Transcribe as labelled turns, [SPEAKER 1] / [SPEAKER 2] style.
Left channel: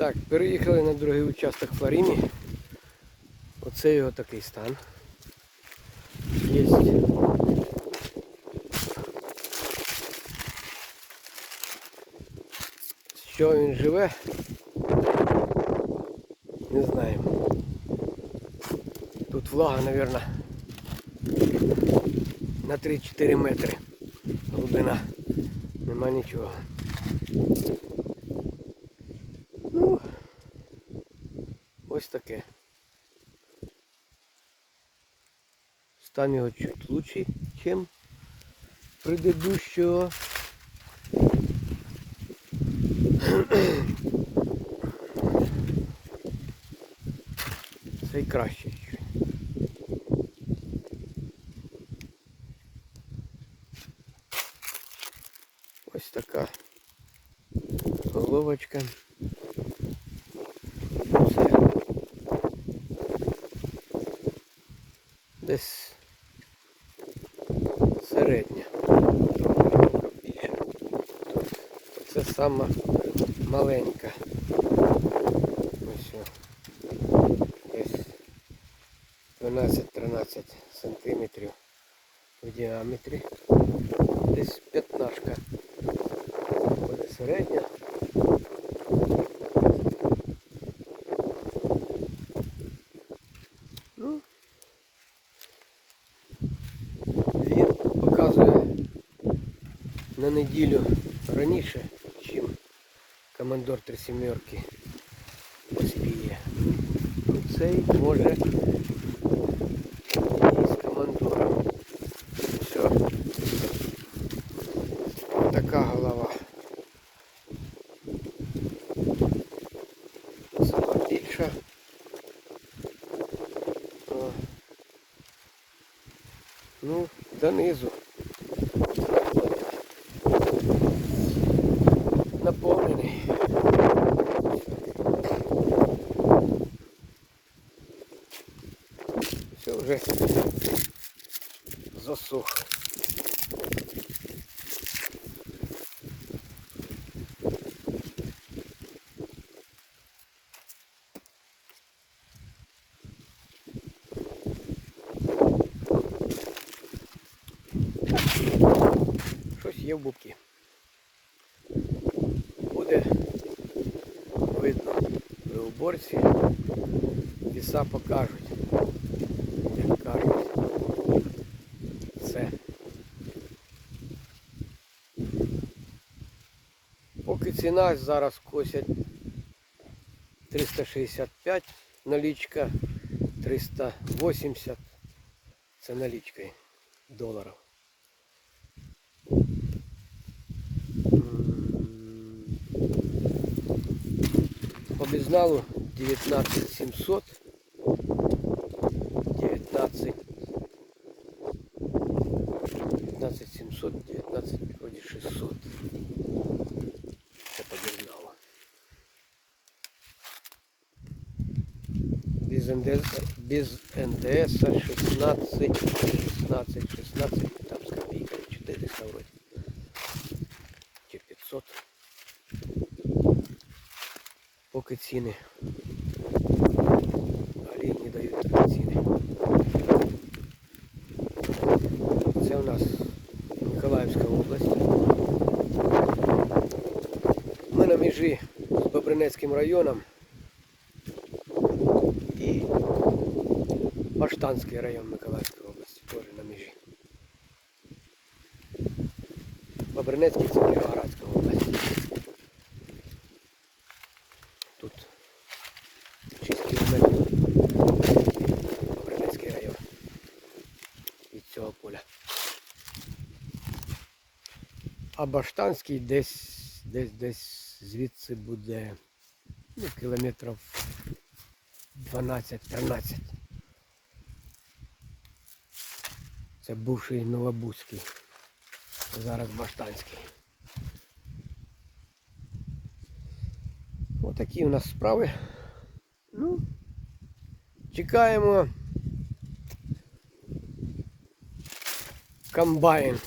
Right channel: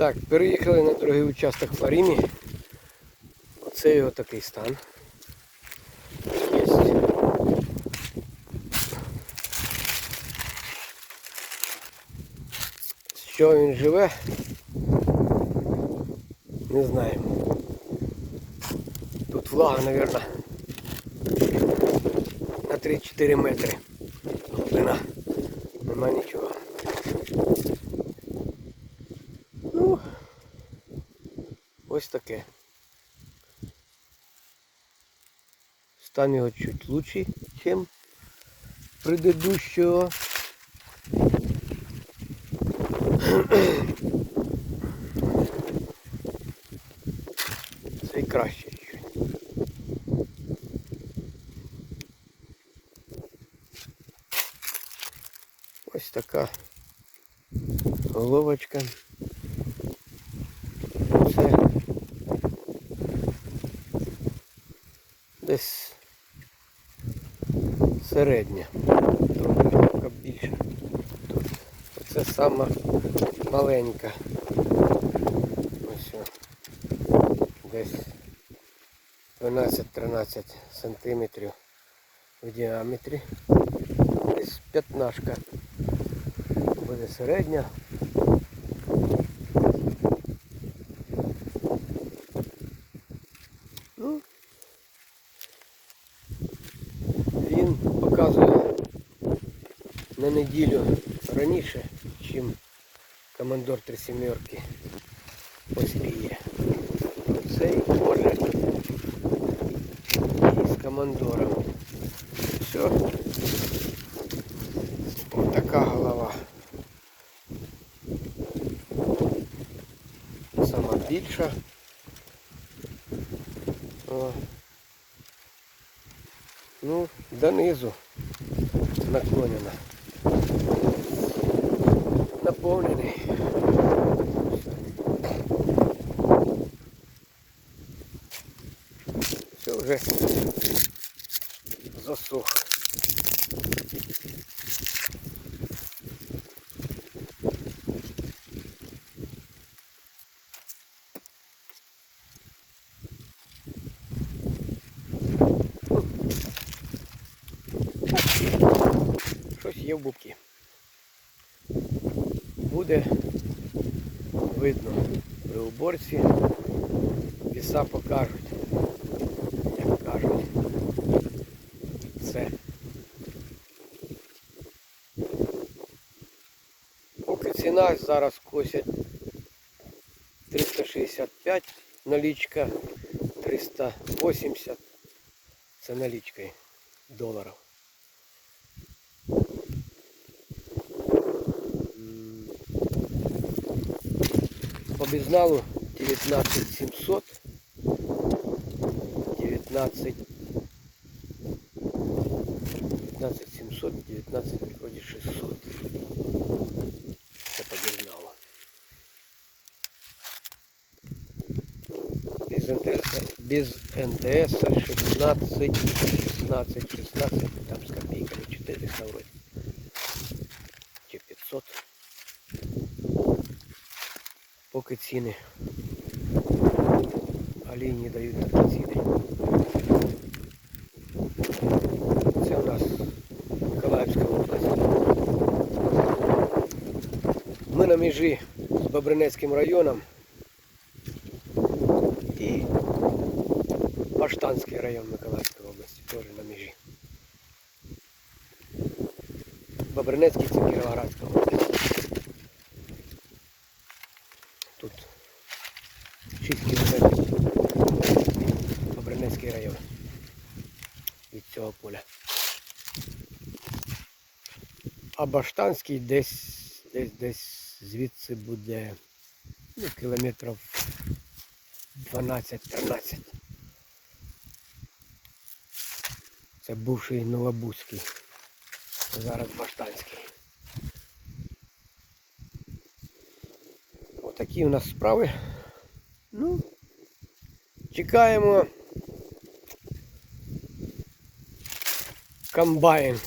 [SPEAKER 1] Так, переїхали на другий участок Фарімі. Оце його такий стан. Є. З чого він живе? Не знаємо. Тут влага, мабуть, на 3-4 метри. Глибина. Нема нічого. Ну, ось таке. Стан його чуть лучший, ніж предыдущего. Це й краще. чуть. Ось така головочка. Це десь середня. Трохи більше. Це сама маленька. Ось десь 12-13 сантиметрів в діаметрі. Десь п'ятнашка буде середня. Ну, він показує на неділю раніше, ніж командор три сімерки поспіє. Цей може Більша. О. Ну, донизу наклонена. Наповнений. Все вже засух. Є в бубки. Буде видно при уборці. Віса покажуть. Як кажуть. Все. Поки ціна зараз косять 365 налічка, 380 це налічкою доларів. По безналу 19700 19 15 700, 19 приходит 600. Це по безналу. Без НДС, без НДС 16, 16, 16, там с копейками 400 вроде. Чи 500. Поки ціни. Алії не дають такі ціни. Це у нас Миколаївська область. Ми на межі з Бобринецьким районом і Баштанський район Миколаївської області теж на межі. Бобринецький це Кіровоградська область. Тут 6 кілометрів Бобринецький район від цього поля. А Баштанський десь, десь, десь звідси буде ну, кілометрів 12-13. Це бувший Новобузький. Зараз Баштанський. Отакі у нас справи. Ну, чекаємо комбайн.